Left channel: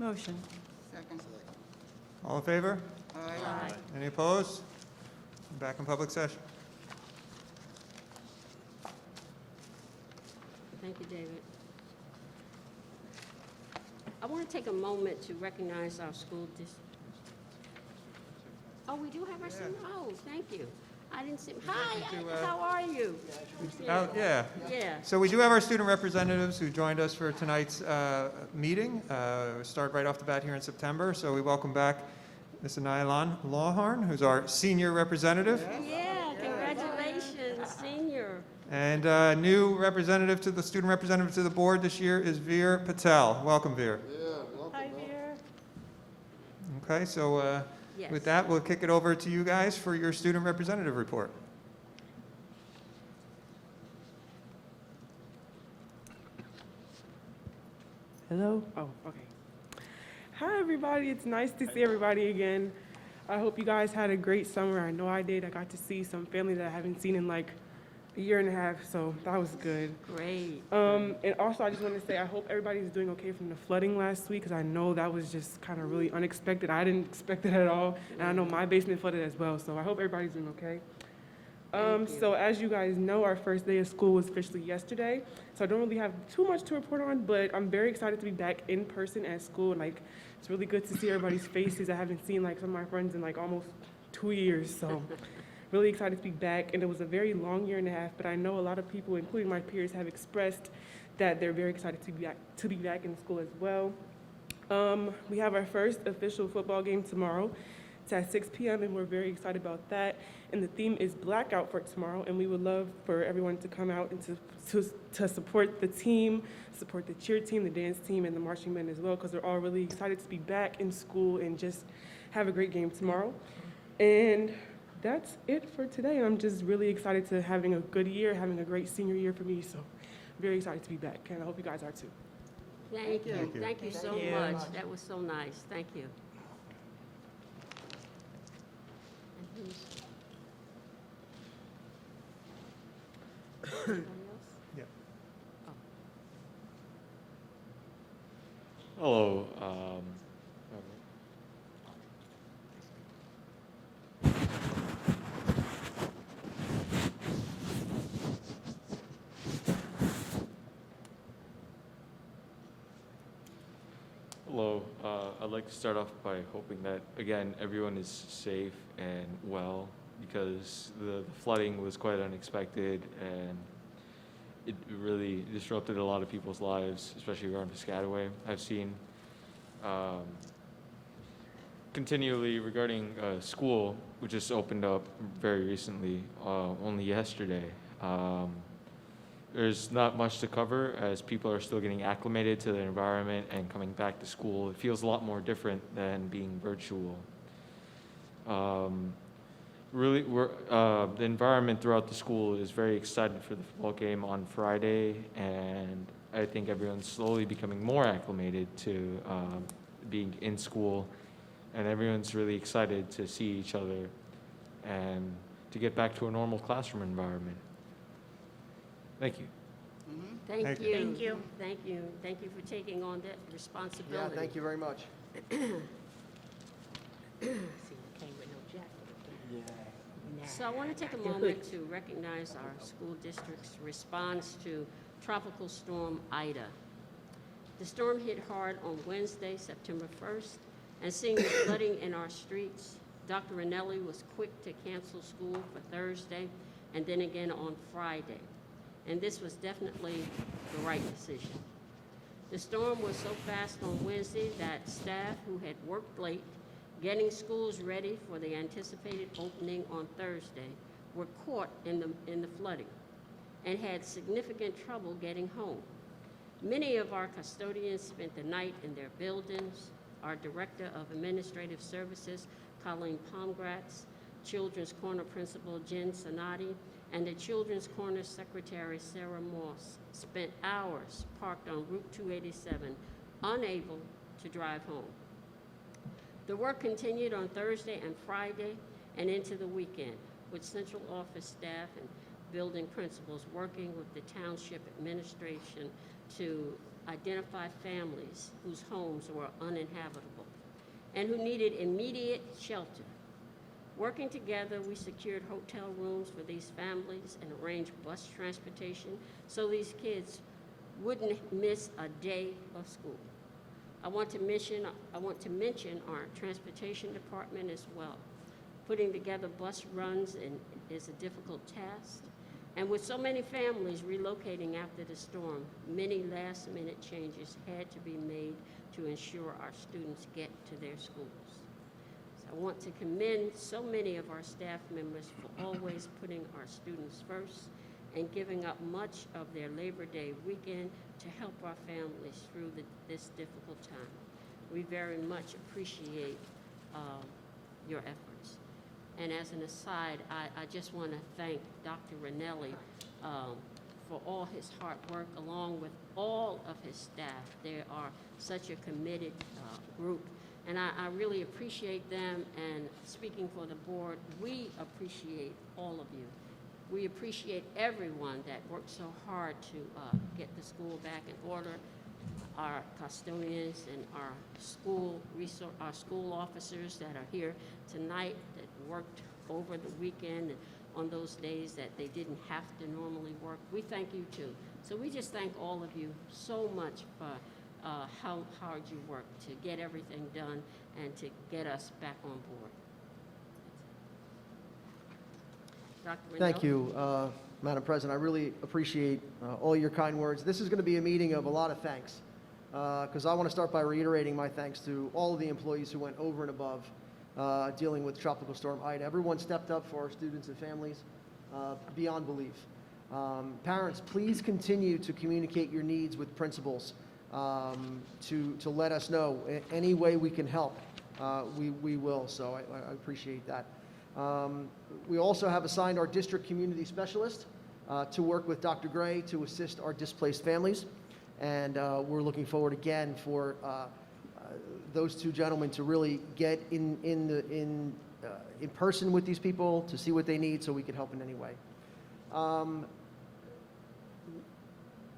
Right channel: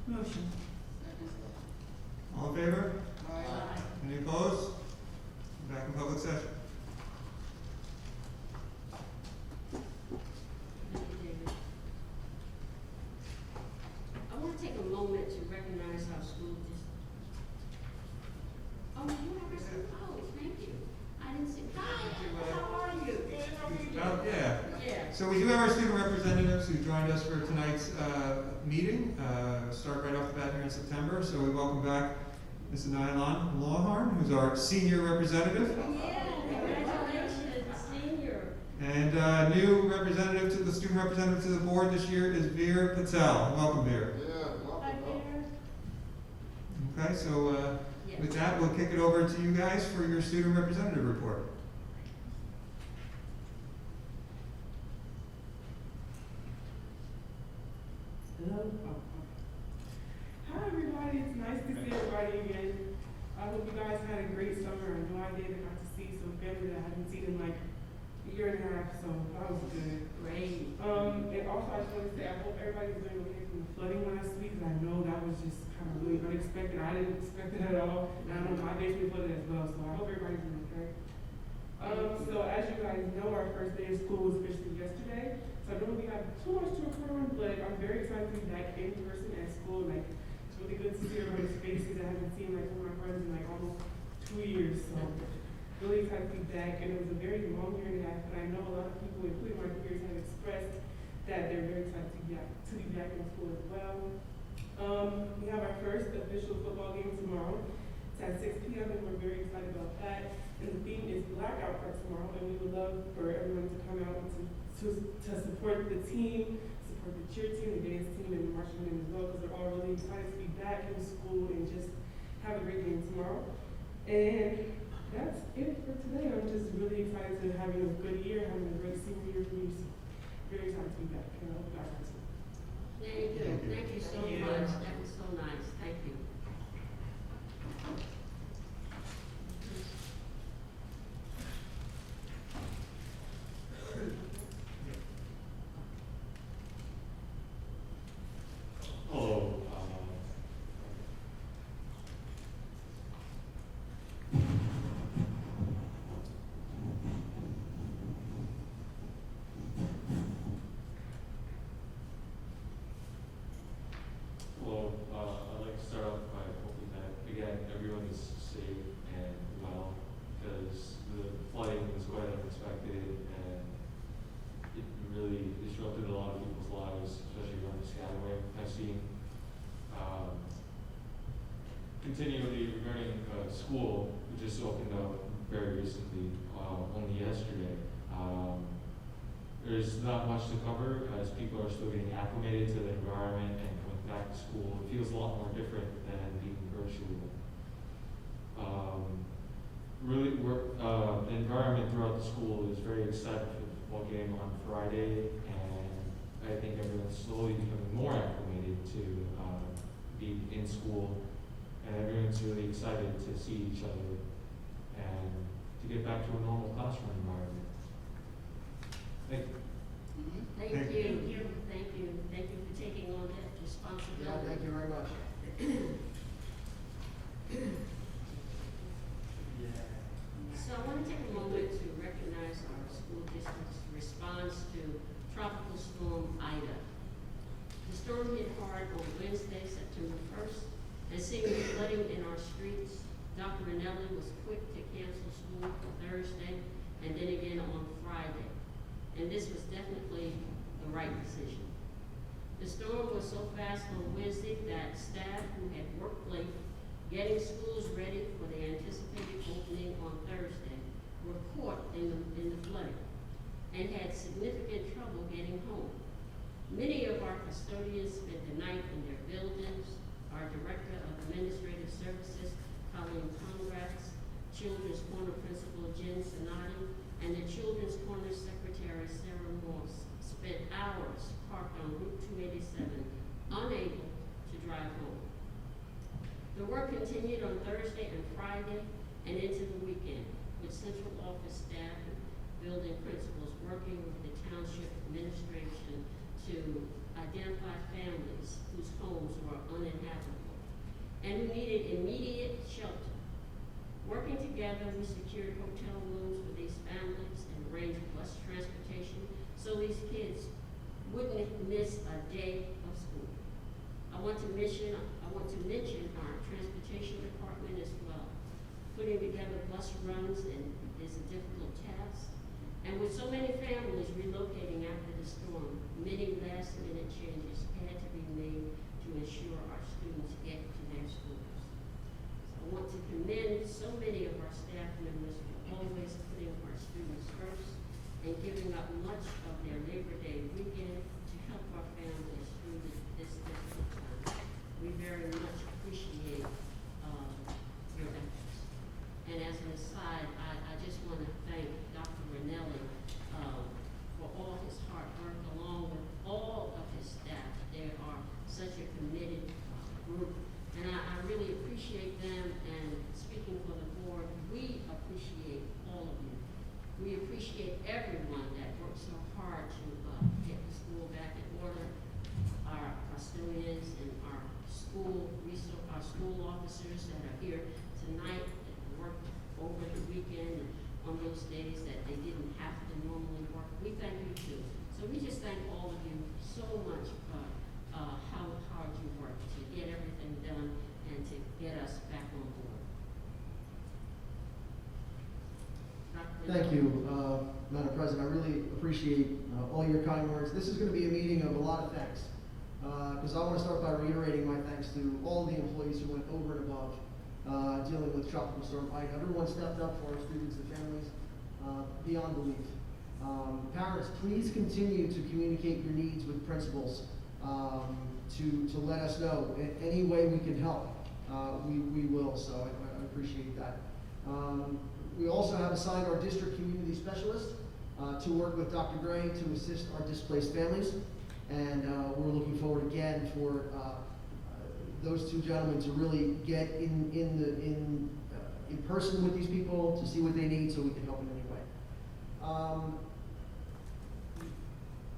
Motion. All in favor? Aye. Any opposed? Back in public session. Thank you, David. I want to take a moment to recognize our school district. Oh, you have our student. Oh, thank you. I didn't see. Hi, how are you? Oh, yeah. Yeah. So we do have our student representatives who joined us for tonight's meeting. Started right off the bat here in September. So we welcome back Ms. Nylan Lawhorn, who's our senior representative. Yeah, congratulations, senior. And new representative to the student representative to the board this year is Veer Patel. Welcome, Veer. Hi, Veer. Okay, so Yes. with that, we'll kick it over to you guys for your student representative report. Hello? Oh, okay. Hi, everybody. It's nice to see everybody again. I hope you guys had a great summer. I know I did. I got to see some family that I haven't seen in like a year and a half, so that was good. Great. And also, I just wanted to say I hope everybody was doing okay from the flooding last week, because I know that was just kind of really unexpected. I didn't expect it at all, and I know my basement flooded as well, so I hope everybody's doing okay. So as you guys know, our first day of school was officially yesterday, so I don't really have too much to report on, but I'm very excited to be back in person at school. Like, it's really good to see everybody's faces I haven't seen like from my friends in like almost 2 years, so really excited to be back. And it was a very long year and a half, but I know a lot of people, including my peers, have expressed that they're very excited to be back in school as well. We have our first official football game tomorrow. It's at 6 p.m. and we're very excited about that. And the theme is Blackout for tomorrow, and we would love for everyone to come out to support the team, support the cheer team, the dance team, and the marching band as well, because they're all really excited to be back in school and just have a great game tomorrow. And that's it for today. I'm just really excited to having a good year, having a great senior year for me, so very excited to be back, and I hope you guys are too. Thank you. Thank you so much. That was so nice. Thank you. Hello. Hello. I'd like to start off by hoping that, again, everyone is safe and well, because the flooding was quite unexpected and it really disrupted a lot of people's lives, especially around Piscataway. I've seen continually regarding school, which just opened up very recently, only yesterday. There's not much to cover as people are still getting acclimated to the environment and coming back to school. It feels a lot more different than being virtual. The environment throughout the school is very excited for the football game on Friday, and I think everyone's slowly becoming more acclimated to being in school, and everyone's really excited to see each other and to get back to a normal classroom environment. Thank you. Thank Thank you. you. Thank you. Thank you. Thank you for taking on that responsibility. Yeah, thank you very much. So I want to take a moment to recognize our school district's response to Tropical Storm Ida. The storm hit hard on Wednesday, September 1st, and seeing the flooding in our streets, Dr. Ranelli was quick to cancel school for Thursday and then again on Friday. And this was definitely the right decision. The storm was so fast on Wednesday that staff who had worked late getting schools ready for the anticipated opening on Thursday were caught in the flooding and had significant trouble getting home. Many of our custodians spent the night in their buildings. Our Director of Administrative Services, Colleen Pomgratz, Children's Corner Principal Jen Sonati, and the Children's Corner Secretary Sarah Moss spent hours parked on Route 287, unable to drive home. The work continued on Thursday and Friday and into the weekend, with central office staff and building principals working with the township administration to identify families whose homes were are uninhabitable and who needed immediate shelter. Working together, we secured hotel rooms for these families and arranged bus transportation so these kids wouldn't miss a day of school. I want to mention our transportation department as well. Putting together bus runs is a difficult task. And with so many families relocating after the storm, many last-minute changes had to be made to ensure our students get to their schools. So I want to commend so many of our staff members for always putting our students first and giving up much of their Labor Day weekend to help our families through this difficult time. We very much appreciate your efforts. And as an aside, I just want to thank Dr. Ranelli for all his hard work, along with all of his staff. They are such a committed group, and I really appreciate them. And speaking for the board, we appreciate all of you. We appreciate everyone that worked so hard to get the school back in order. Our custodians and our school officers that are here tonight that worked over the weekend and on those days that they didn't have to normally work. We thank you too. So we just thank all of you so much for how hard you worked to get everything done and to get us back on board. Dr. Thank you, Madam President. I really appreciate all your kind words. This is going to be a meeting of a lot of thanks, because I want to start by reiterating my thanks to all of the employees who went over and above dealing with Tropical Storm Ida. Everyone stepped up for our students and families beyond belief. Parents, please continue to communicate your needs with principals to let us know in any way we can help. We will, so I appreciate that. We also have assigned our district community specialist to work with Dr. Gray to assist our displaced families, and we're looking forward again for those two gentlemen to really get in person with these people to see what they need so we can help in any way.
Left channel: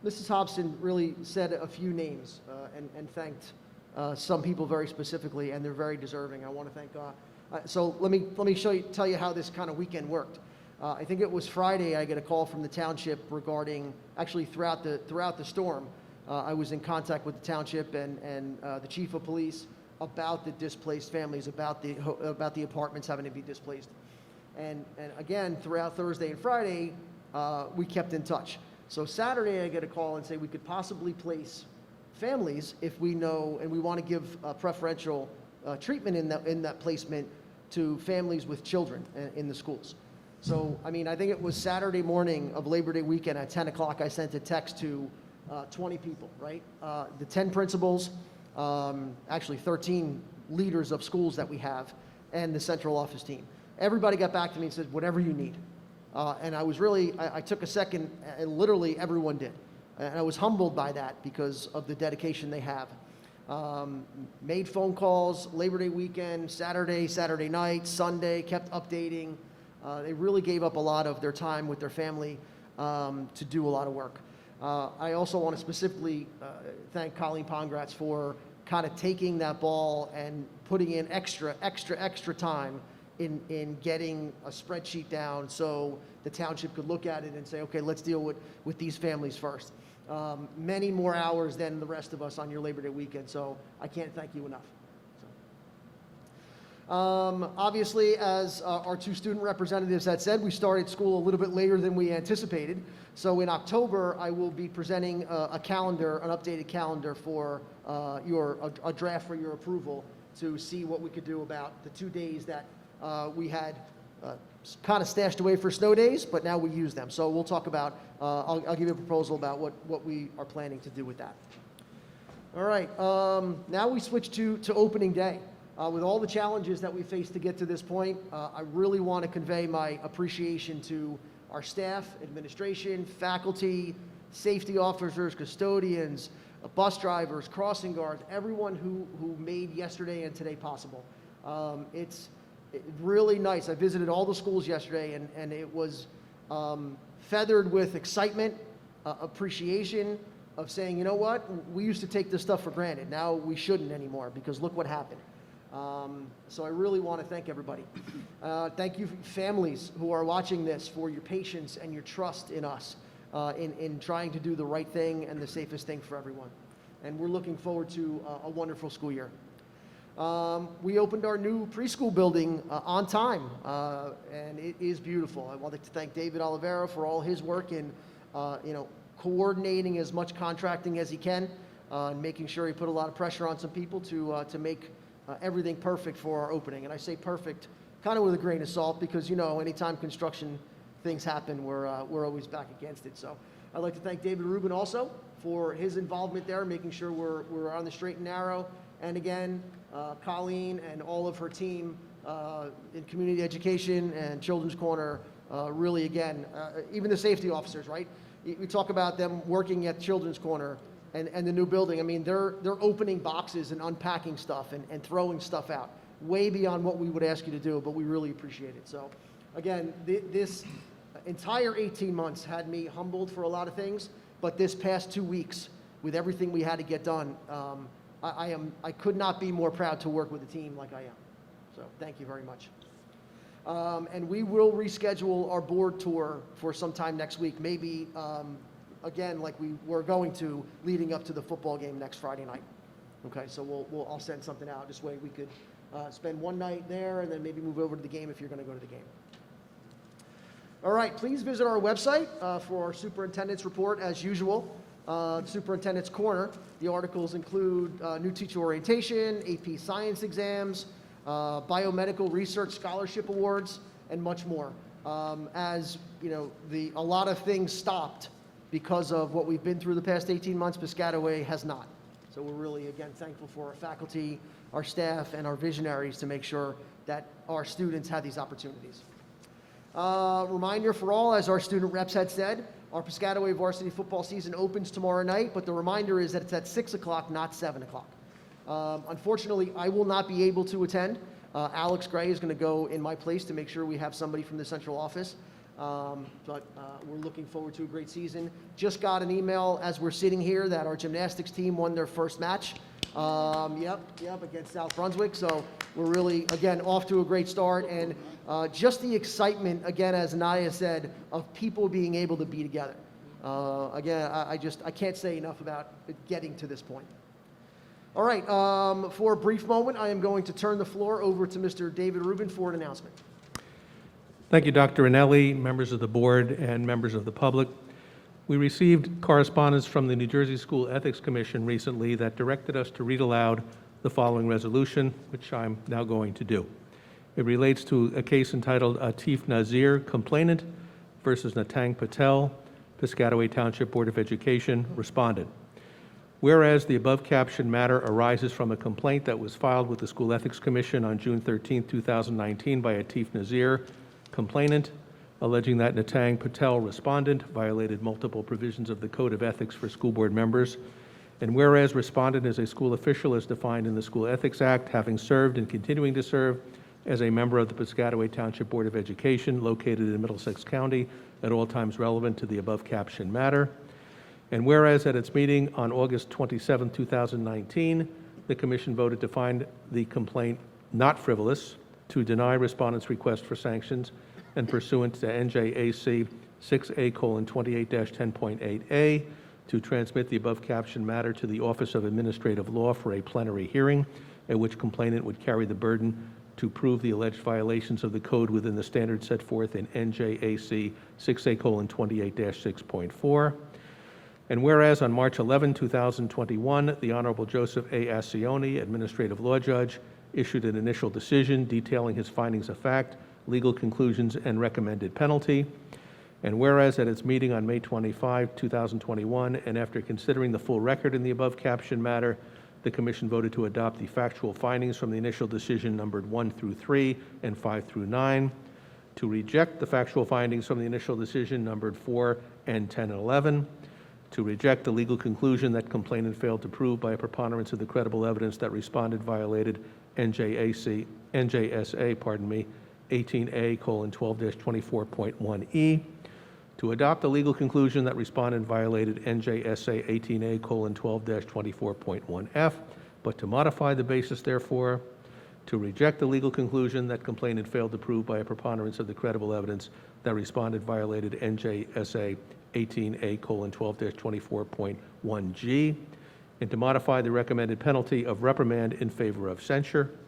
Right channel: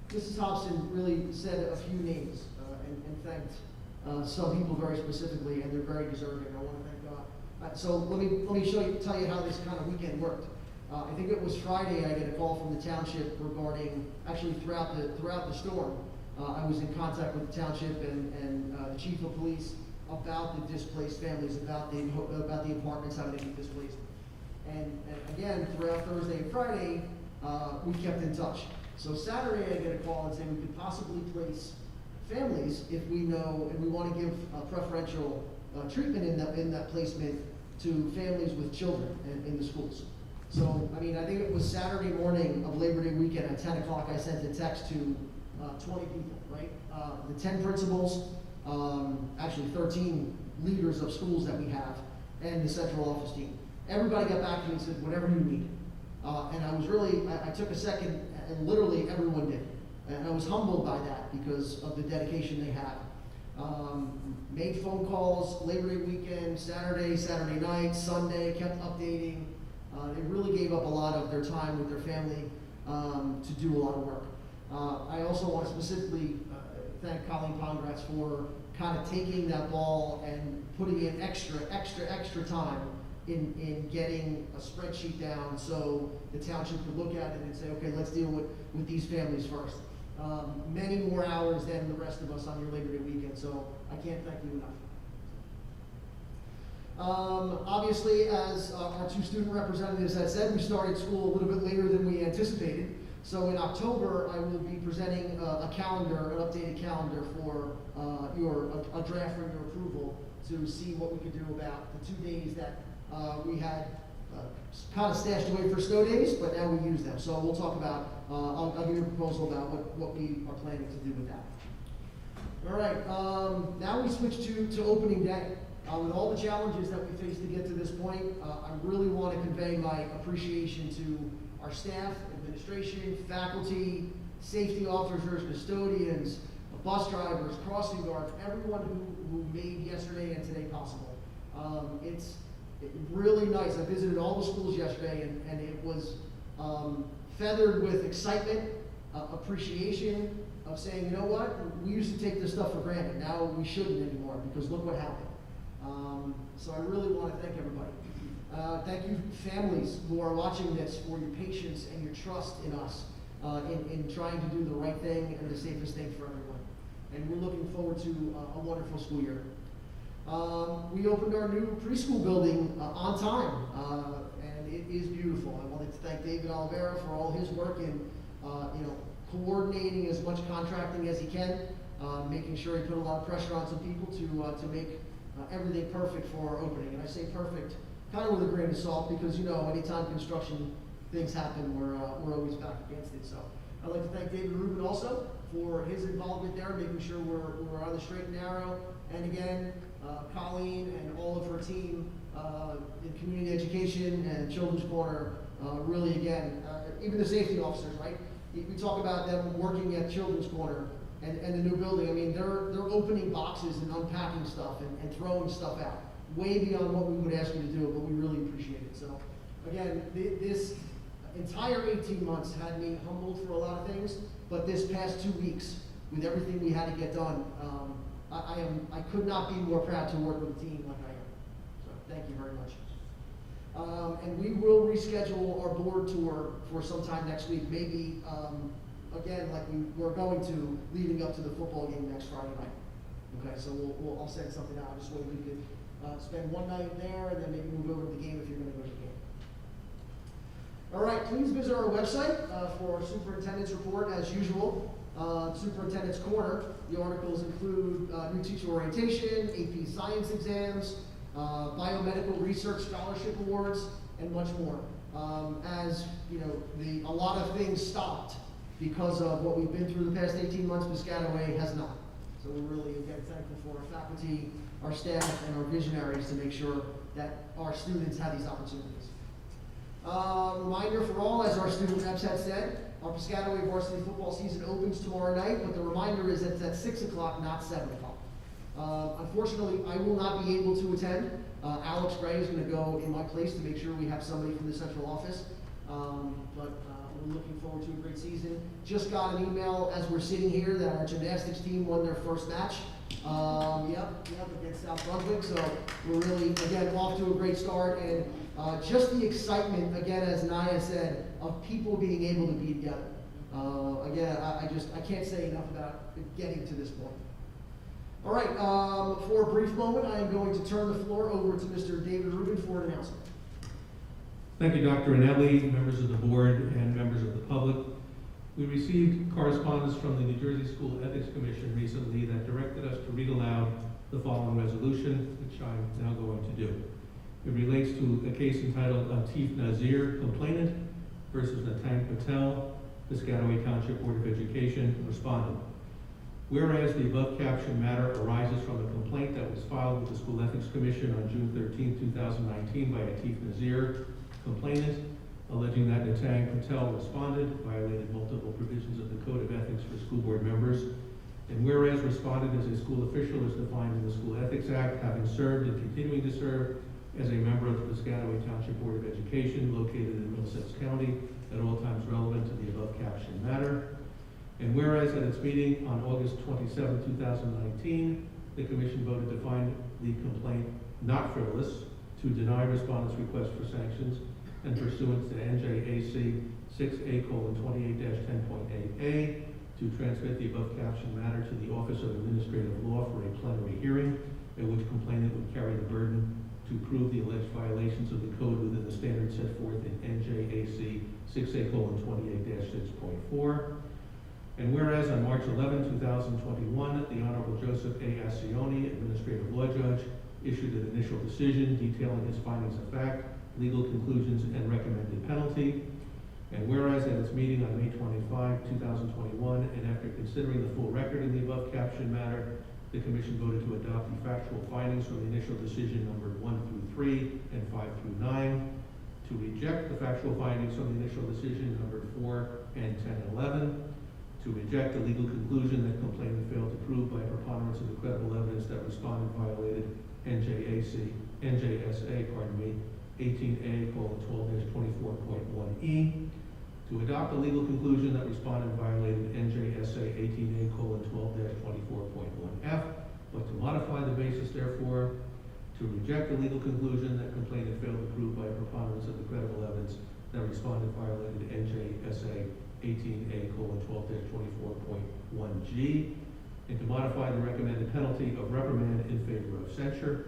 Mrs. Hobson really said a few names and thanked some people very specifically, and they're very deserving. I want to thank God. So let me tell you how this kind of weekend worked. I think it was Friday. I get a call from the township regarding, actually throughout the storm. I was in contact with the township and the chief of police about the displaced families, about the apartments having to be displaced. And again, throughout Thursday and Friday, we kept in touch. So Saturday, I get a call and say we could possibly place families if we know, and we want to give preferential treatment in that placement to families with children in the schools. So, I mean, I think it was Saturday morning of Labor Day weekend at 10 o'clock, I sent a text to 20 people, right? The 10 principals, actually 13 leaders of schools that we have, and the central office team. Everybody got back to me and said, whatever you need. And I was really, I took a second, and literally everyone did. And I was humbled by that because of the dedication they have. Made phone calls, Labor Day weekend, Saturday night, Sunday, kept updating. They really gave up a lot of their time with their family to do a lot of work. I also want to specifically thank Colleen Pongratz for kind of taking that ball and putting in extra time in getting a spreadsheet down so the township could look at it and say, okay, let's deal with these families first. Many more hours than the rest of us on your Labor Day weekend, so I can't thank you enough. Obviously, as our two student representatives had said, we started school a little bit later than we anticipated. So in October, I will be presenting a calendar, an updated calendar for a draft for your approval to see what we could do about the 2 days that we had kind of stashed away for snow days, but now we use them. So we'll talk about, I'll give you a proposal about what we are planning to do with that. All right, now we switch to opening day. With all the challenges that we faced to get to this point, I really want to convey my appreciation to our staff, administration, faculty, safety officers, custodians, bus drivers, crossing guards, everyone who made yesterday and today possible. It's really nice. I visited all the schools yesterday, and it was feathered with excitement, appreciation, of saying, you know what, we used to take this stuff for granted, now we shouldn't anymore, because look what happened. So I really want to thank everybody. Thank you families who are watching this for your patience and your trust in us, in trying to do the right thing and the safest thing for everyone. And we're looking forward to a wonderful school year. We opened our new preschool building on time, and it is beautiful. I'd like to thank David Oliveira for all his work in, coordinating as much contracting as he can, making sure he put a lot of pressure on some people to make everything perfect for our opening. And I say perfect kind of with a grain of salt, because anytime construction things happen, we're always back against it. So I'd like to thank David Rubin also for his involvement there, making sure we're on the straight and narrow. And again, Colleen and all of her team in community education and Children's Corner, really again, even the safety officers, right? You talk about them working at Children's Corner and the new building. I mean, they're opening boxes and unpacking stuff and throwing stuff out, way beyond what we would ask you to do, but we really appreciate it. So again, this entire 18 months had me humbled for a lot of things, but this past 2 weeks, with everything we had to get done, I could not be more proud to work with a team like I am. So thank you very much. And we will reschedule our board tour for sometime next week, maybe again, like we were going to, leading up to the football game next Friday night. Okay, so I'll set something out. This way we could spend one night there and then maybe move over to the game if you're going to go to the game. All right, please visit our website for our superintendent's report as usual. Superintendent's Corner. The articles include new teacher orientation, AP science exams, biomedical research scholarship awards, and much more. As you know, a lot of things stopped because of what we've been through the past 18 months. Piscataway has not. So we're really, again, thankful for our faculty, our staff, and our visionaries to make sure that our students have these opportunities. Reminder for all, as our student reps had said, our Piscataway varsity football season opens tomorrow night, but the reminder is that it's at 6 o'clock, not 7 o'clock. Unfortunately, I will not be able to attend. Alex Gray is going to go in my place to make sure we have somebody from the central office. But we're looking forward to a great season. Just got an email as we're sitting here that our gymnastics team won their first match. Against South Brunswick. So we're really, again, off to a great start. And just the excitement, again, as Naya said, of people being able to be together. Again, I can't say enough about getting to this point. All right, for a brief moment, I am going to turn the floor over to Mr. David Rubin for an announcement. Thank you, Dr. Anelli, members of the board, and members of the public. We received correspondence from the New Jersey School Ethics Commission recently that directed us to read aloud the following resolution, which I'm now going to do. It relates to a case entitled Atif Nazir, Complainant versus Natang Patel, Piscataway Township Board of Education, Respondent. Whereas the above captioned matter arises from a complaint that was filed with the School Ethics Commission on June 13, 2019 by Atif Nazir, complainant, alleging that Natang Patel, respondent, violated multiple provisions of the Code of Ethics for school board members. And whereas respondent is a school official as defined in the School Ethics Act, having served and continuing to serve as a member of the Piscataway Township Board of Education located in Middlesex County at all times relevant to the above captioned matter. And whereas at its meeting on August 27, 2019, the Commission voted to find the complaint not frivolous, to deny respondent's request for sanctions, and pursuant to NJAC 6A:28-10.8A, to transmit the above captioned matter to the Office of Administrative Law for a plenary hearing, at which complainant would carry the burden to prove the alleged violations of the code within the standards set forth in NJAC 6A:28-6.4. And whereas on March 11, 2021, the Honorable Joseph A. Ascioni, Administrative Law Judge, issued an initial decision detailing his findings of fact, legal conclusions, and recommended penalty. And whereas at its meeting on May 25, 2021, and after considering the full record in the above captioned matter, the Commission voted to adopt the factual findings from the initial decision numbered 1 through 3 and 5 through 9, to reject the factual findings from the initial decision numbered 4 and 10 and 11, to reject the legal conclusion that complainant failed to prove by a preponderance of the credible evidence that respondent violated NJSA 18A:12-24.1E, to adopt the legal conclusion that respondent violated NJSA 18A:12-24.1F, but to modify the basis therefore, to reject the legal conclusion that complainant failed to prove by a preponderance of the credible evidence that respondent violated NJSA 18A:12-24.1G, and to modify the recommended penalty of reprimand in favor of censure.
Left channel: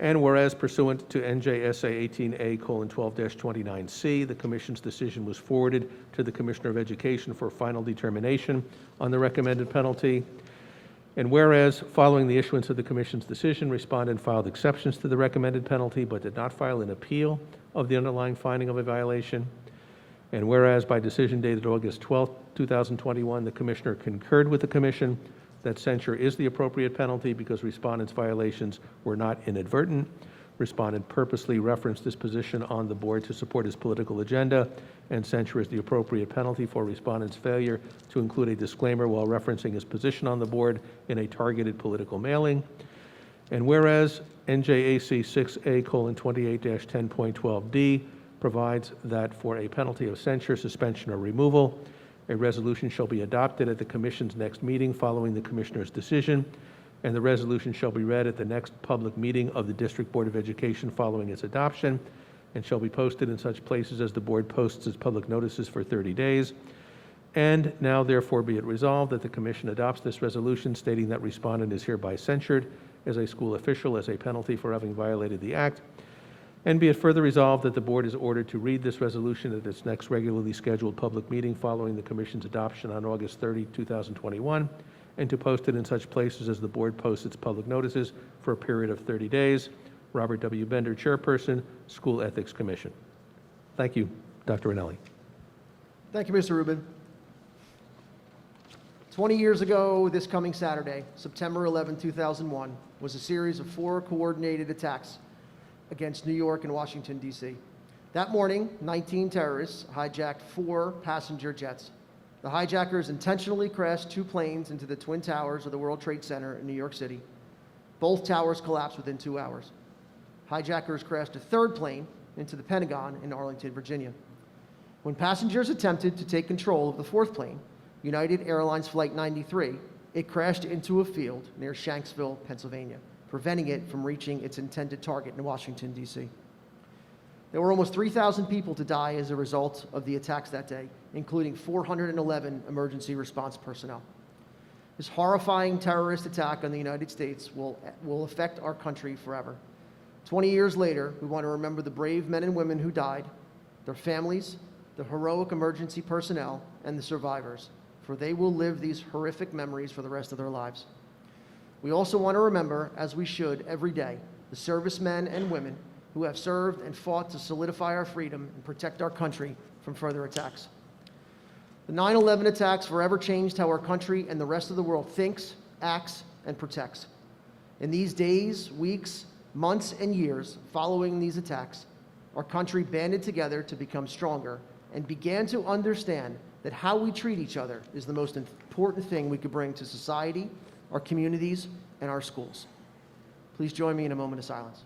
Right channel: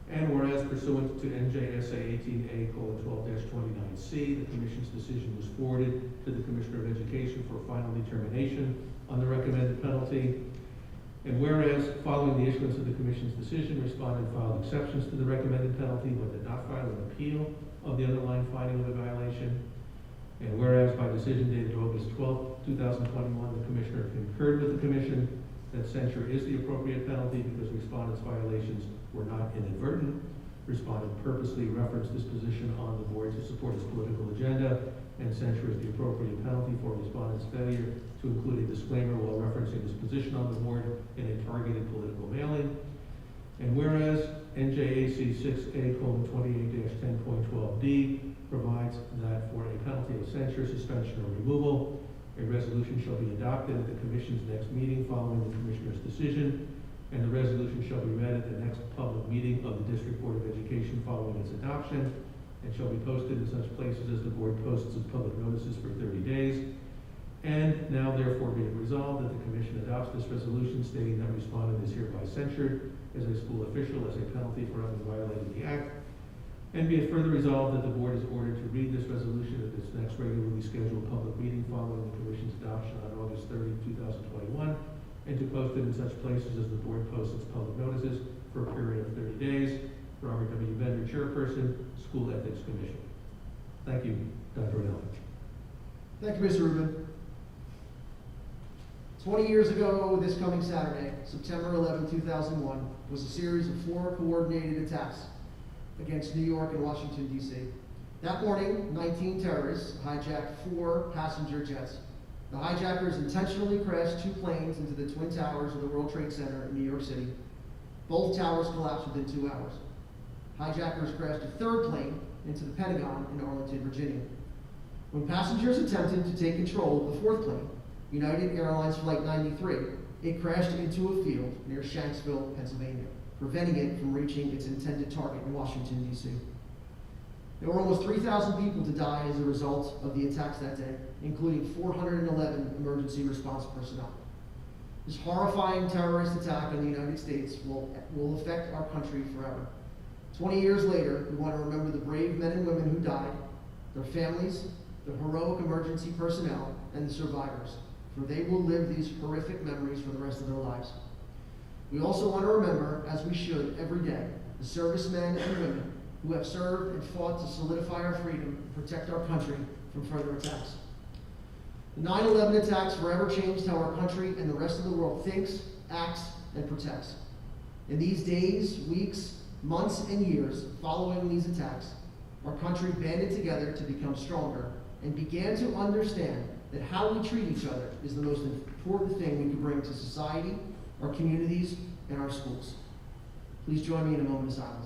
And whereas pursuant to NJSA 18A:12-29C, the Commission's decision was forwarded to the Commissioner of Education for final determination on the recommended penalty. And whereas, following the issuance of the Commission's decision, respondent filed exceptions to the recommended penalty but did not file an appeal of the underlying finding of a violation. And whereas, by decision dated August 12, 2021, the Commissioner concurred with the Commission that censure is the appropriate penalty because respondent's violations were not inadvertent. Respondent purposely referenced this position on the board to support his political agenda, and censure is the appropriate penalty for respondent's failure to include a disclaimer while referencing his position on the board in a targeted political mailing. And whereas NJAC 6A:28-10.12D provides that for a penalty of censure, suspension, or removal, a resolution shall be adopted at the Commission's next meeting following the Commissioner's decision, and the resolution shall be read at the next public meeting of the District Board of Education following its adoption, and shall be posted in such places as the Board posts its public notices for 30 days. And now therefore be it resolved that the Commission adopts this resolution stating that respondent is hereby censured as a school official as a penalty for having violated the Act. And be it further resolved that the Board is ordered to read this resolution at its next regularly scheduled public meeting following the Commission's adoption on August 30, 2021, and to post it in such places as the Board posts its public notices for a period of 30 days. Robert W. Bender, Chairperson, School Ethics Commission. Thank you, Dr. Anelli. Thank you, Mr. Rubin. 20 years ago, this coming Saturday, September 11, 2001, was a series of 4 coordinated attacks against New York and Washington, D.C. That morning, 19 terrorists hijacked 4 passenger jets. The hijackers intentionally crashed 2 planes into the Twin Towers of the World Trade Center in New York City. Both towers collapsed within 2 hours. Hijackers crashed a 3rd plane into the Pentagon in Arlington, Virginia. When passengers attempted to take control of the 4th plane, United Airlines Flight 93, it crashed into a field near Shanksville, Pennsylvania, preventing it from reaching its intended target in Washington, D.C. There were almost 3,000 people to die as a result of the attacks that day, including 411 emergency response personnel. This horrifying terrorist attack on the United States will affect our country forever. 20 years later, we want to remember the brave men and women who died, their families, the heroic emergency personnel, and the survivors, for they will live these horrific memories for the rest of their lives. We also want to remember, as we should every day, the servicemen and women who have served and fought to solidify our freedom and protect our country from further attacks. The 9/11 attacks forever changed how our country and the rest of the world thinks, acts, and protects. In these days, weeks, months, and years following these attacks, our country banded together to become stronger and began to understand that how we treat each other is the most important thing we can bring to society, our communities, and our schools. Please join me in a moment of silence.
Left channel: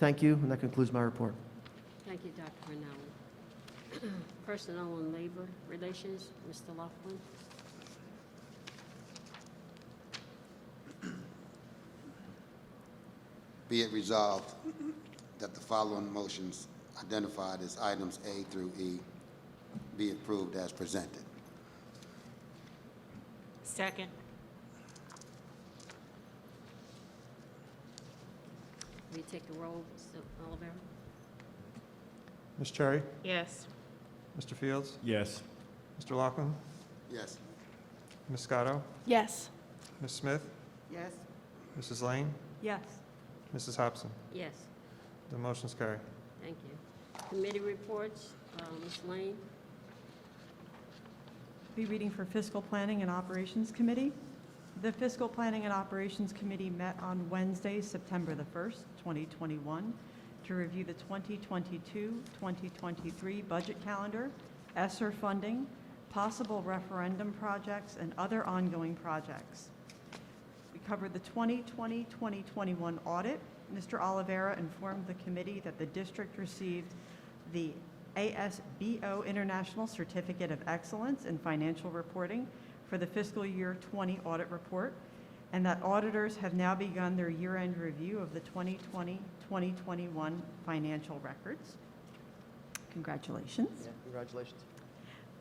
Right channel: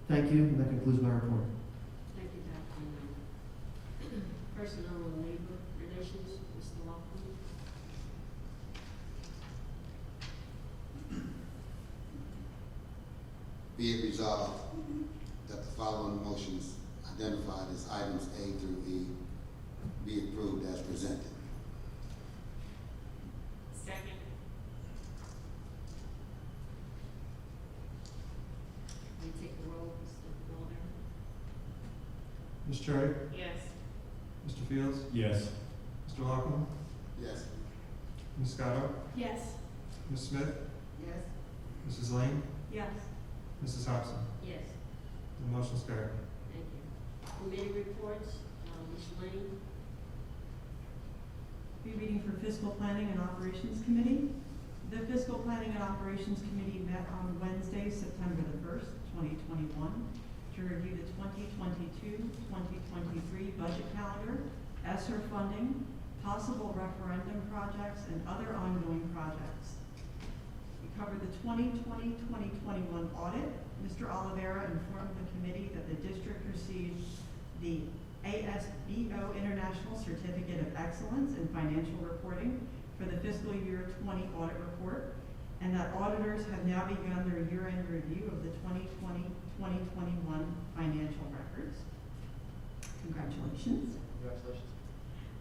Thank you, and that concludes my report. Thank you, Dr. Rinaldi. Personnel and Labor Relations, Mr. Laughlin. Be it resolved that the following motions identified as items A through E be approved as presented. Second. We take a roll, Mr. Oliveri. Ms. Cherry? Yes. Mr. Fields? Yes. Mr. Loughlin? Yes. Ms. Scotto? Yes. Ms. Smith? Yes. Mrs. Lane? Yes. Mrs. Hobson? Yes, The motion's carried. thank you. Committee reports, Ms. Lane. Be reading for Fiscal Planning and Operations Committee. The Fiscal Planning and Operations Committee met on Wednesday, September the 1st, 2021, to review the 2022-2023 budget calendar, ESSER funding, possible referendum projects, and other ongoing projects. We covered the 2020-2021 audit. Mr. Oliveira informed the committee that the district received the ASBO International Certificate of Excellence in Financial Reporting for the fiscal year 20 audit report, and that auditors have now begun their year-end review of the 2020-2021 financial records. Congratulations. Congratulations.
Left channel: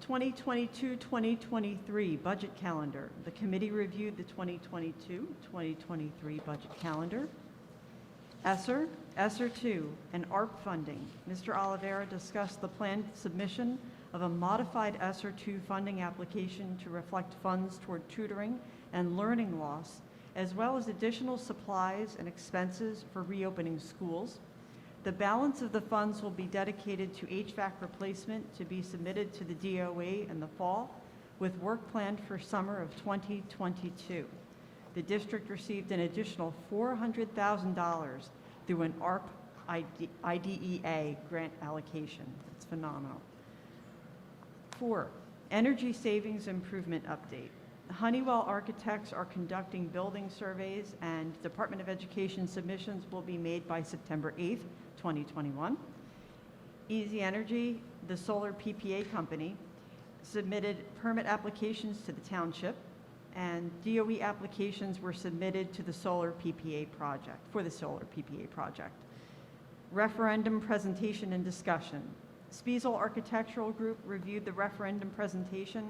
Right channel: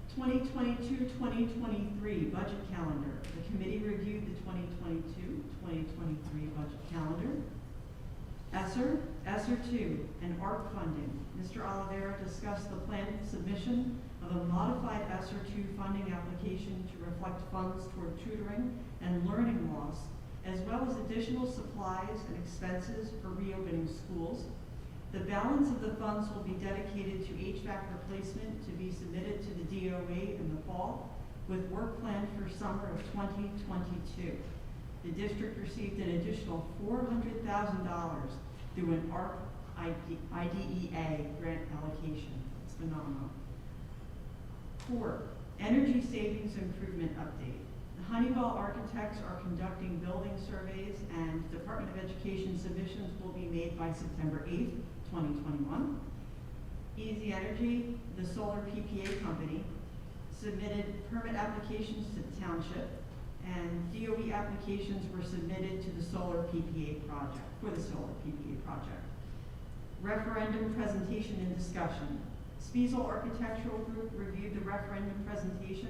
2022-2023 budget calendar. The committee reviewed the 2022-2023 budget calendar. ESSER 2, and ARP funding. Mr. Oliveira discussed the planned submission of a modified ESSER 2 funding application to reflect funds toward tutoring and learning loss, as well as additional supplies and expenses for reopening schools. The balance of the funds will be dedicated to HVAC replacement to be submitted to the DOE in the fall, with work planned for summer of 2022. The district received an additional $400,000 through an ARP IDEA grant allocation. It's phenomenal. 4, energy savings improvement update. Honeywell architects are conducting building surveys, and Department of Education submissions will be made by September 8th, 2021. Easy Energy, the solar PPA company, submitted permit applications to the township, and DOE applications were submitted to the solar PPA project, for the solar PPA project. Referendum presentation and discussion. Spiesel Architectural Group reviewed the referendum presentation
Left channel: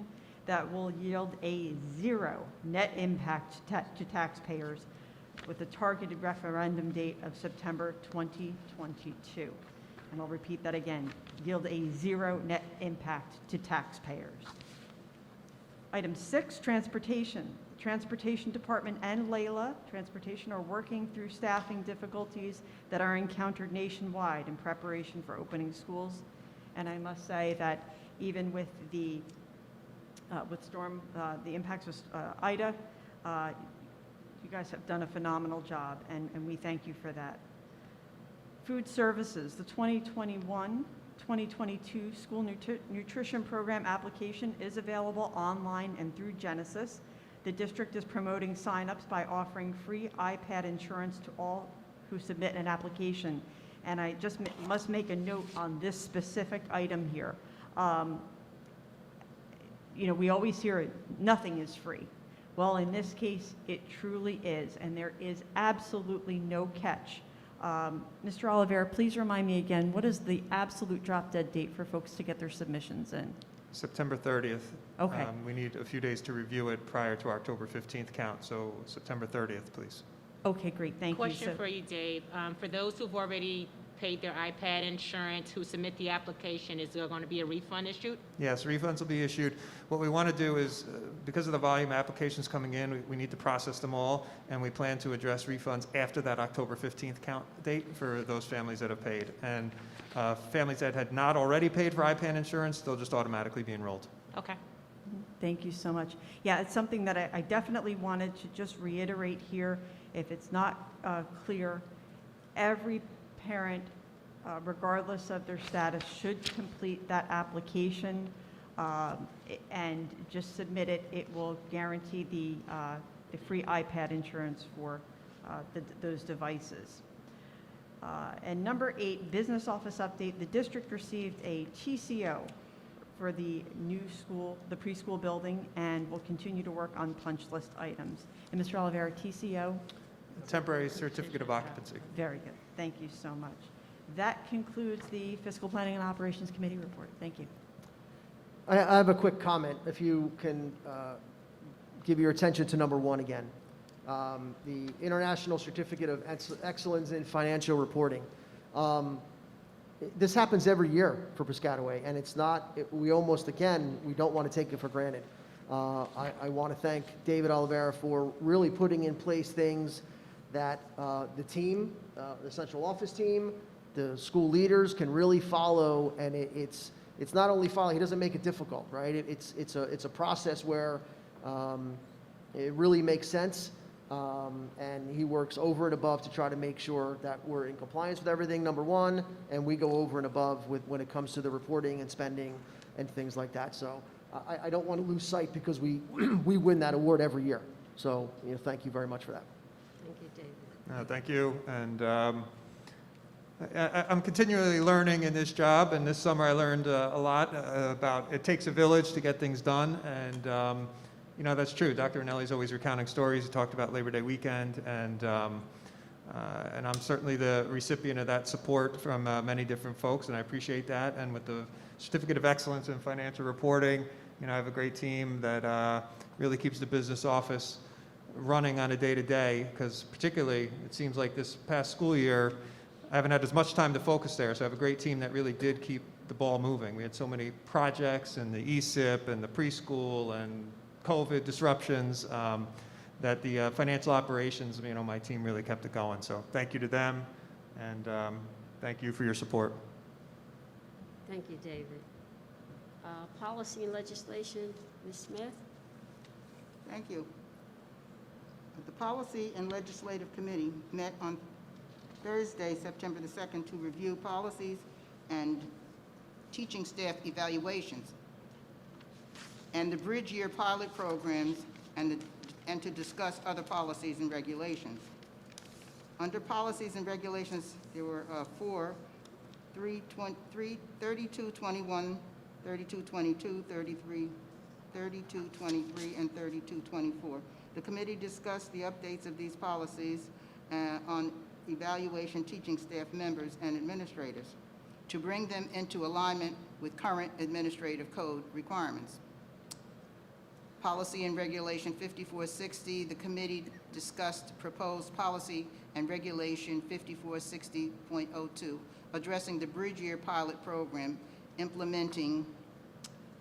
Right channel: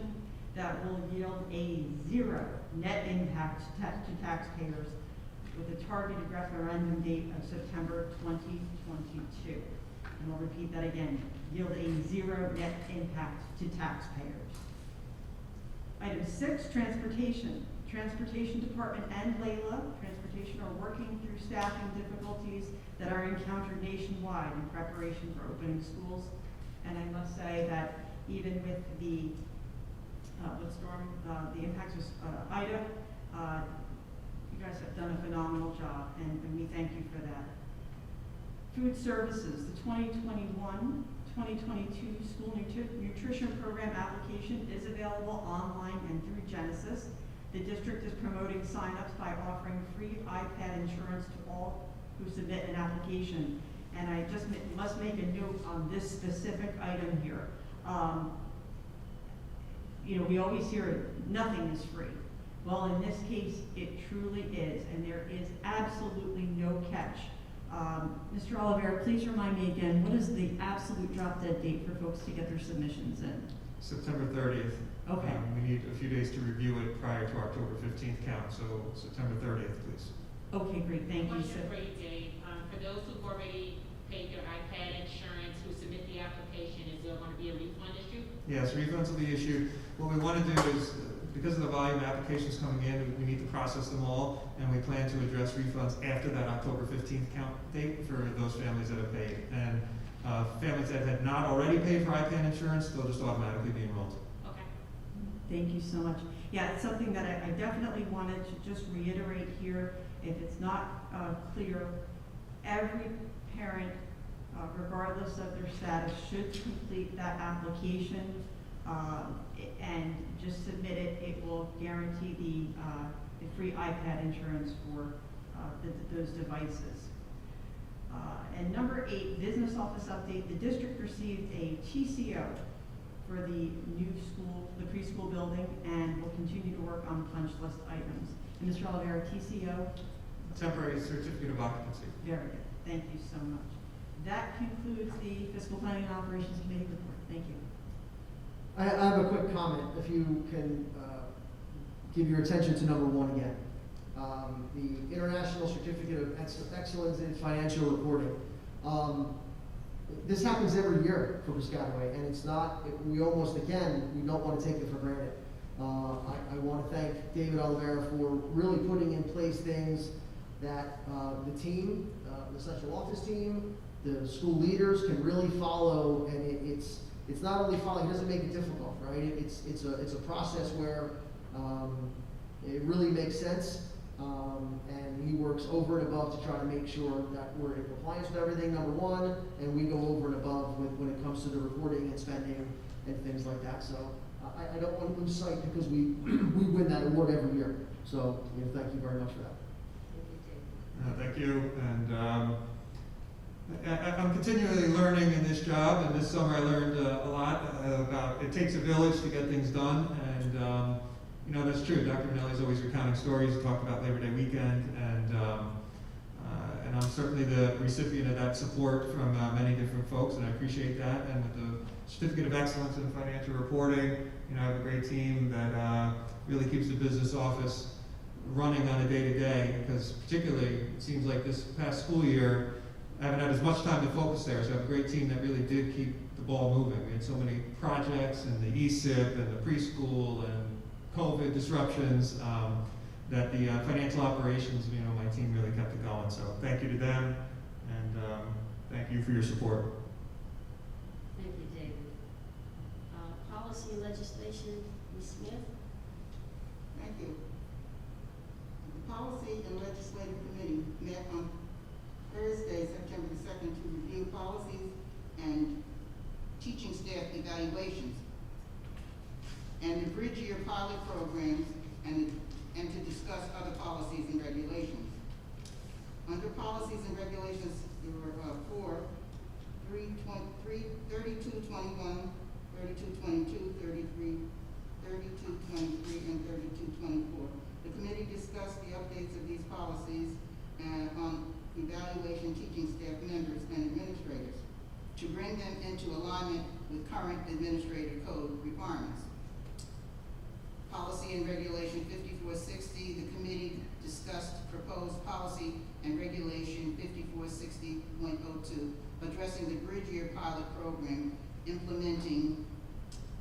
that will yield a 0 net impact to taxpayers with a targeted referendum date of September 2022. And I'll repeat that again, yield a 0 net impact to taxpayers. Item 6, transportation. Transportation Department and Layla Transportation are working through staffing difficulties that are encountered nationwide in preparation for opening schools. And I must say that even with the the impacts of Ida, you guys have done a phenomenal job, and we thank you for that. Food services, the 2021-2022 school nutrition program application is available online and through Genesis. The district is promoting sign-ups by offering free iPad insurance to all who submit an application. And I just must make a note on this specific item here. You know, we always hear nothing is free. Well, in this case, it truly is, and there is absolutely no catch. Mr. Oliveira, please remind me again, what is the absolute drop dead date for folks to get their submissions in? September 30th. Okay. We need a few days to review it prior to our October 15th count, so September 30th, please. Okay, great, thank you. Question for you, Dave. For those who've already paid their iPad insurance, who submit the application, is there going to be a refund issued? Yes, refunds will be issued. What we want to do is, because of the volume of applications coming in, we need to process them all, and we plan to address refunds after that October 15th count date for those families that have paid. And families that had not already paid for iPad insurance, they'll just automatically be enrolled. Okay. Thank you so much. Yeah, it's something that I definitely wanted to just reiterate here. If it's not clear, every parent, regardless of their status, should complete that application and just submit it. It will guarantee the free iPad insurance for those devices. And number 8, business office update. The district received a TCO for the new school, the preschool building, and will continue to work on punch list items. And Mr. Oliveira, TCO? Temporary certificate of occupancy. Very good. Thank you so much. That concludes the Fiscal Planning and Operations Committee report. Thank you. I have a quick comment, if you can give your attention to number 1 again. The International Certificate of Excellence in Financial Reporting. This happens every year for Piscataway, and it's not, we don't want to take it for granted. I want to thank David Oliveira for really putting in place things that the team, the central office team, the school leaders can really follow, and it's not only following, he doesn't make it difficult, right? It's a process where it really makes sense, and he works over and above to try to make sure that we're in compliance with everything, number 1, and we go over and above when it comes to the reporting and spending and things like that. So I don't want to lose sight because we, we win that award every year. So, thank you very much for that. Thank you, David. Thank you, and I'm continually learning in this job, and this summer I learned a lot about it takes a village to get things done, and that's true. Dr. Anelli's always recounting stories. He talked about Labor Day weekend, and I'm certainly the recipient of that support from many different folks, and I appreciate that. And with the Certificate of Excellence in Financial Reporting, I have a great team that really keeps the business office running on a day-to-day, because particularly it seems like this past school year, I haven't had as much time to focus there, so I have a great team that really did keep the ball moving. We had so many projects, and the ESIP, and the preschool, and COVID disruptions, that the financial operations, my team really kept it going. So thank you to them, and thank you for your support. Thank you, David. Policy and legislation, Ms. Smith. Thank you. The Policy and Legislative Committee met on Thursday, September the 2nd, to review policies and teaching staff evaluations and the Bridge Year pilot programs and to discuss other policies and regulations. Under policies and regulations, there were 3221, 3222, 3223, and 3224. The committee discussed the updates of these policies on evaluation teaching staff members and administrators to bring them into alignment with current administrative code requirements. Policy and Regulation 5460, the committee discussed proposed policy and regulation 5460.02, addressing the Bridge Year pilot program, implementing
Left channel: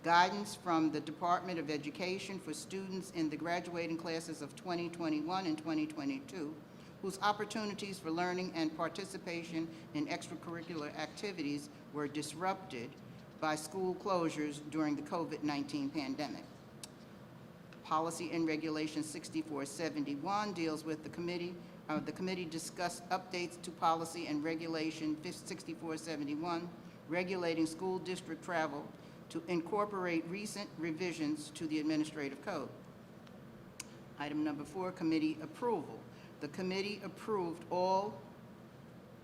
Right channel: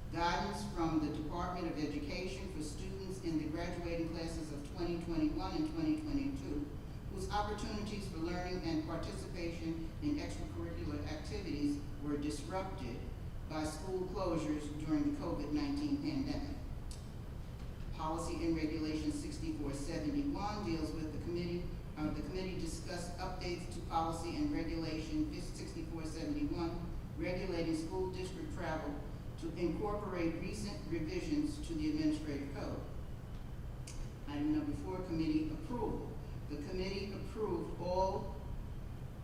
guidance from the Department of Education for students in the graduating classes of 2021 and 2022, whose opportunities for learning and participation in extracurricular activities were disrupted by school closures during the COVID-19 pandemic. Policy and Regulation 6471 deals with the committee discussed updates to Policy and Regulation 6471, regulating school district travel to incorporate recent revisions to the administrative code. Item number 4, committee approval. The committee approved all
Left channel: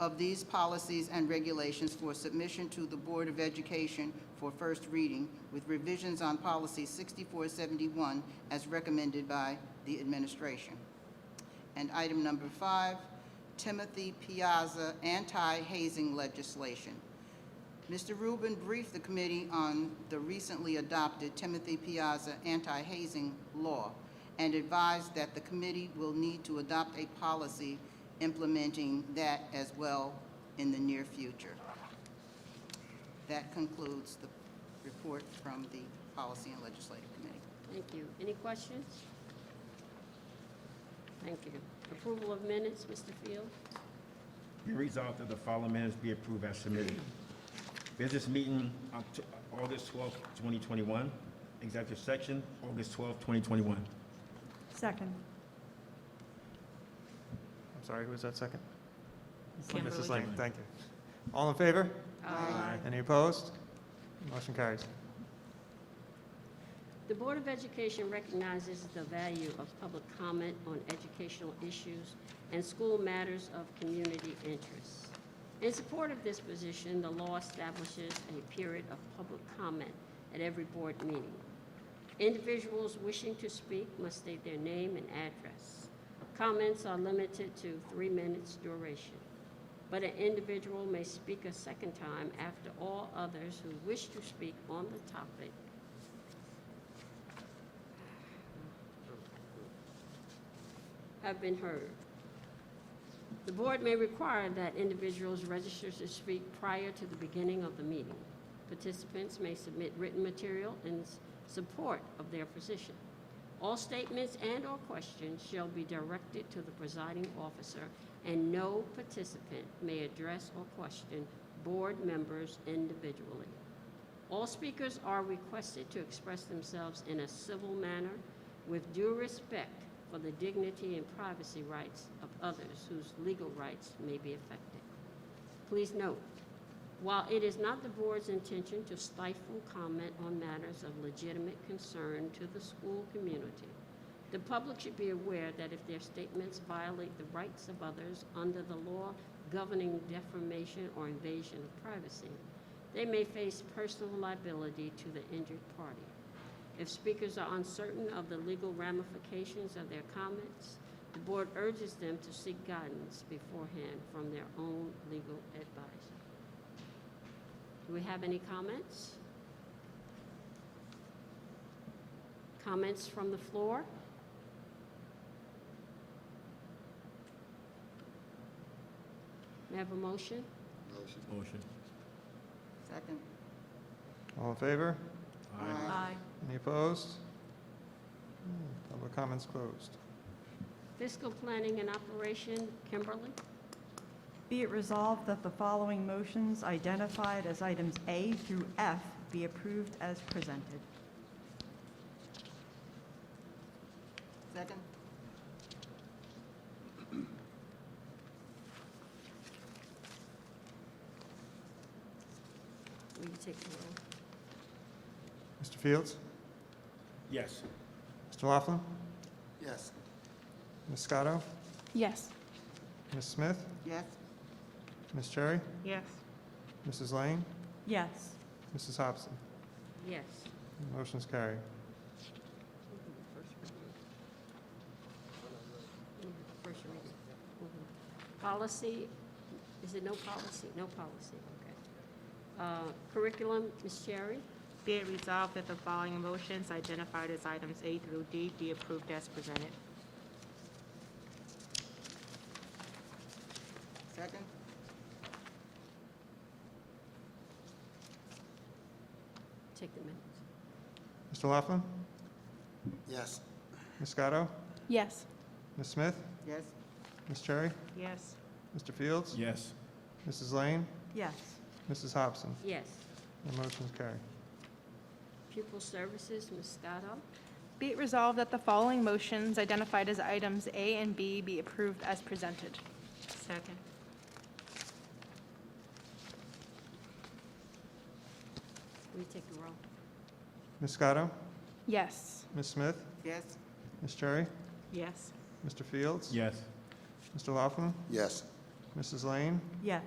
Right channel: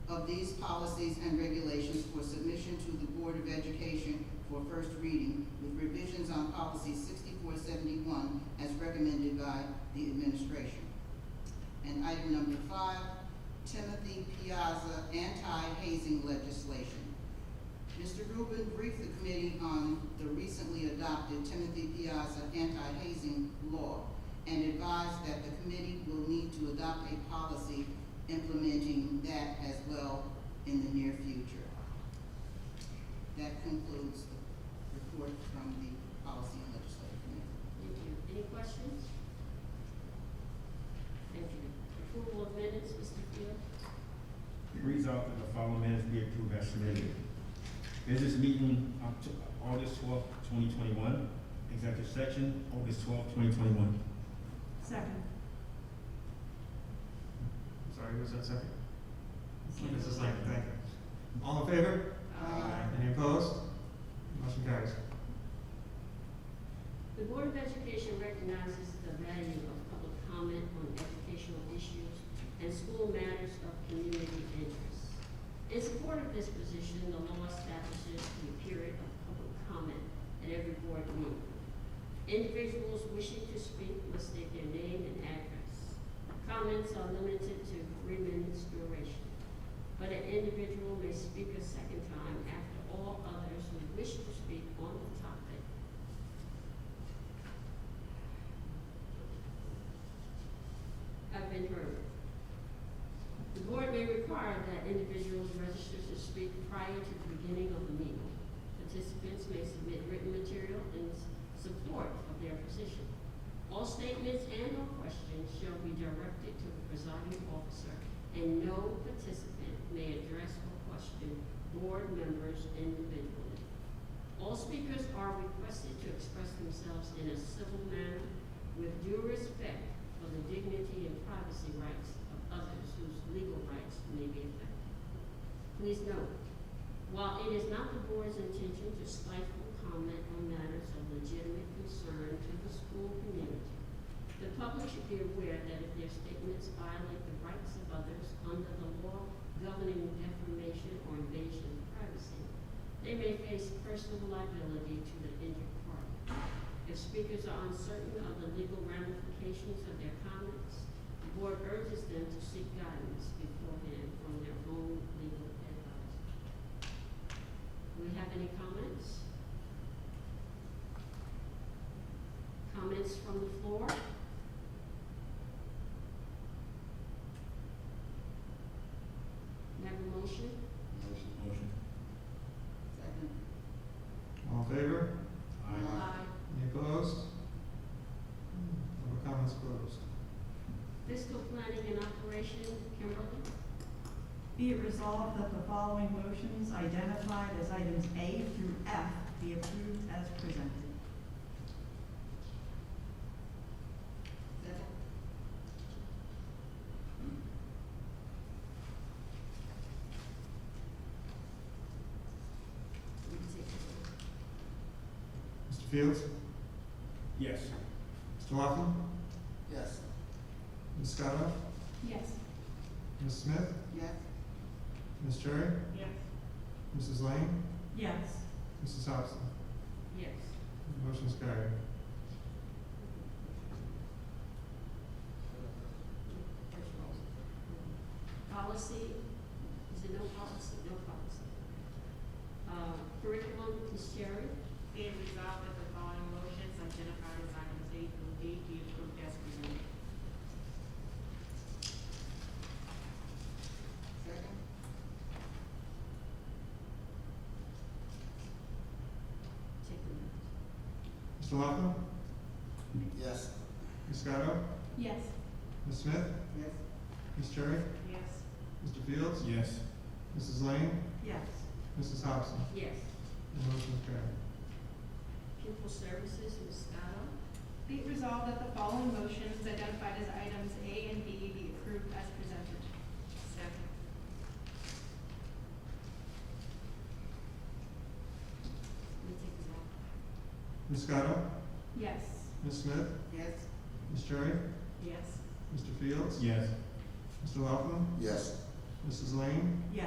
of these policies and regulations for submission to the Board of Education for first reading, with revisions on Policy 6471 as recommended by the administration. And item number 5, Timothy Piazza anti-hazing legislation. Mr. Rubin briefed the committee on the recently adopted Timothy Piazza anti-hazing law and advised that the committee will need to adopt a policy implementing that as well in the near future. That concludes the report from the Policy and Legislative Committee. Thank you. Any questions? Thank you. Approval of minutes, Mr. Field. Be resolved that the following minutes be approved as submitted. Business meeting, August 12th, 2021. Executive section, August 12th, 2021. Second. Sorry, who was that second? Mrs. Lang, thank you. All in favor? Any opposed? Motion carries. The Board of Education recognizes the value of public comment on educational issues and school matters of community interest. In support of this position, the law establishes a period of public comment at every board meeting. Individuals wishing to speak must state their name and address. Comments are limited to 3 minutes duration, but an individual may speak a second time after all others who wish to speak on the topic have been heard. The board may require that individuals register to speak prior to the beginning of the meeting. Participants may submit written material in support of their position. All statements and/or questions shall be directed to the presiding officer, and no participant may address or question board members individually. All speakers are requested to express themselves in a civil manner with due respect for the dignity and privacy rights of others whose legal rights may be affected. Please note, while it is not the board's intention to stifle comment on matters of legitimate concern to the school community. The public should be aware that if their statements violate the rights of others under the law governing defamation or invasion of privacy, they may face personal liability to the injured party. If speakers are uncertain of the legal ramifications of their comments, the board urges them to seek guidance beforehand from their own legal advisor. Do we have any comments? Comments from the floor? May I have a motion? Second. All in favor? Aye. Any opposed? Public comments closed. Fiscal planning and operation, Kimberly? Be it resolved that the following motions identified as items A through F be approved as presented. Second. We can take it. Mr. Fields? Yes. Mr. Laughlin? Yes. Ms. Scotto? Yes. Ms. Smith? Yes. Ms. Cherry? Yes. Mrs. Lane? Yes. Mrs. Hobson? Yes. Motion's carried. Policy, is it no policy? No policy, okay. Curriculum, Ms. Cherry? Be it resolved that the following motions identified as items A through D be approved as presented. Second. Take a minute. Mr. Laughlin? Yes. Ms. Scotto? Yes. Ms. Smith? Yes. Ms. Cherry? Yes. Mr. Fields? Yes. Mrs. Lane? Yes. Mrs. Hobson? Yes. The motion's carried. Pupil services, Ms. Scotto? Be it resolved that the following motions identified as items A and B be approved as presented. Second. We take a roll. Ms. Scotto? Yes. Ms. Smith? Yes. Ms. Cherry? Yes. Mr. Fields? Yes. Mr. Laughlin? Yes. Mrs. Lane? Yes.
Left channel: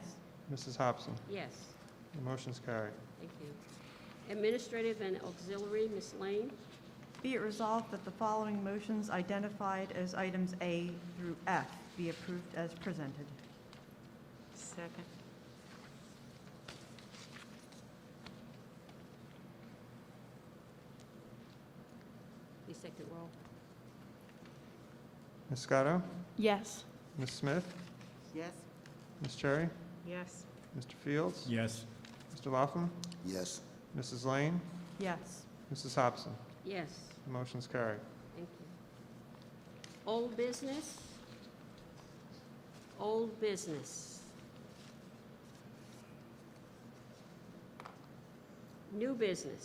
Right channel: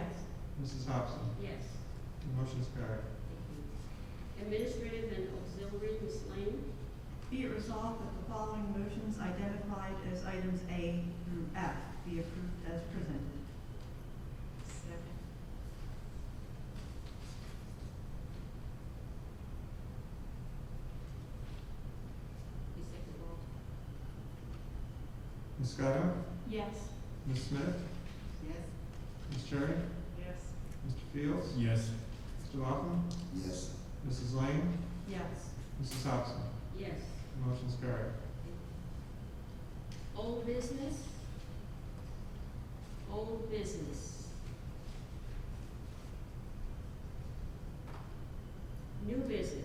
Mrs. Hobson? Yes. The motion's carried. Thank you. Administrative and auxiliary, Ms. Lane? Be it resolved that the following motions identified as items A through F be approved as presented. Second. We take a roll. Ms. Scotto? Yes. Ms. Smith? Yes. Ms. Cherry? Yes. Mr. Fields? Yes. Mr. Laughlin? Yes. Mrs. Lane? Yes. Mrs. Hobson? Yes. The motion's carried. Old business? Old business. New business.